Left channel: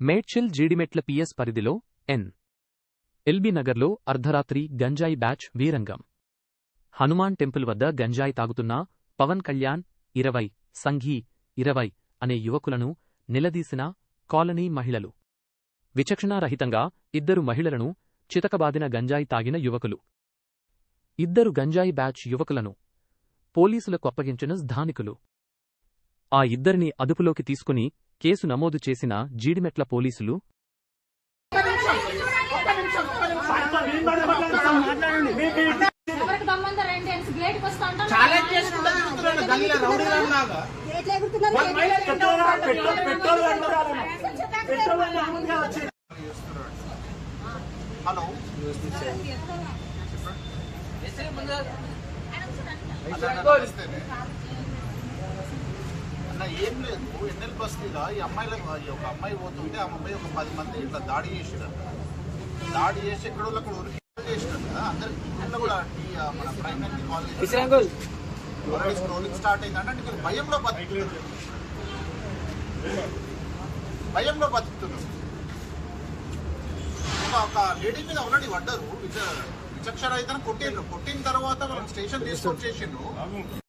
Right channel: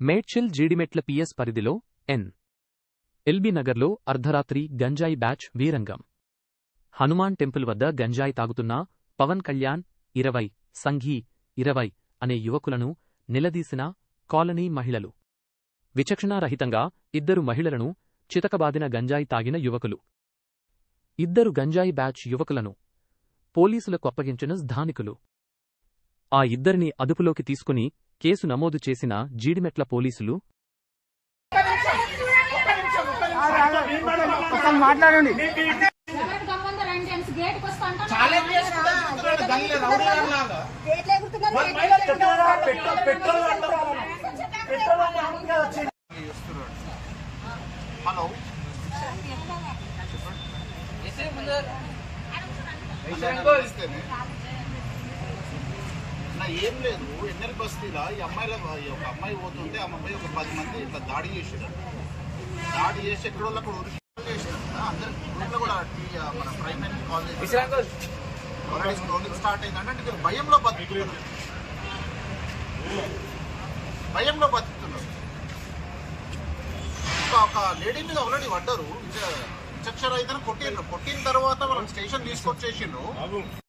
Medchal Jeedimetla PS పరిధిలో ఎన్. LB నగర్లో అర్ధరాత్రి గంజాయి బ్యాచ్ వీరంగం. హనుమాన్ టెంపుల్ వద్ద గంజాయి తాగుతున్న పవన్ కళ్యాణ్ 20, సంఘీ 20 అనే యువకులను నిలదీసిన కాలనీ మహిళలు. విచక్షణారహితంగా 2 మహిళలను చితకబాదిన గంజాయి తాగిన యువకులు. 2 గంజాయి బ్యాచ్ యువకులను పోలీసులకు అప్పగించిన స్థానికులు. ఆ 2ని అదుపులోకి తీసుకుని కేసు నమోదు చేసిన జీడిమెట్ల పోలీసులు. ఏం లేదు, ఎన్నెల బస్తీలో ఈ అమ్మాయిలకు ఒక అమ్మాయి పోతుంటే ఆ అమ్మాయి ఒక 10 మంది ఇట్లా దాడి చేసిరు. దాడి చేసి ఎక్కడో ఉరికి చేసినారు. అందరికి కూడా మన ప్రైమరీ కాలేజ్ స్ట్రోలింగ్ స్టార్ట్ అయిందంటే మీరు భయంలో బతుకుతున్నారు. ఇంకా ఒక లేడీ మీద ఆల్రెడీ పడ్డారు. విచక్షణ అయితే కొట్టిన తర్వాత మనం స్టేషన్ తీసుకొచ్చేసిండ్రు.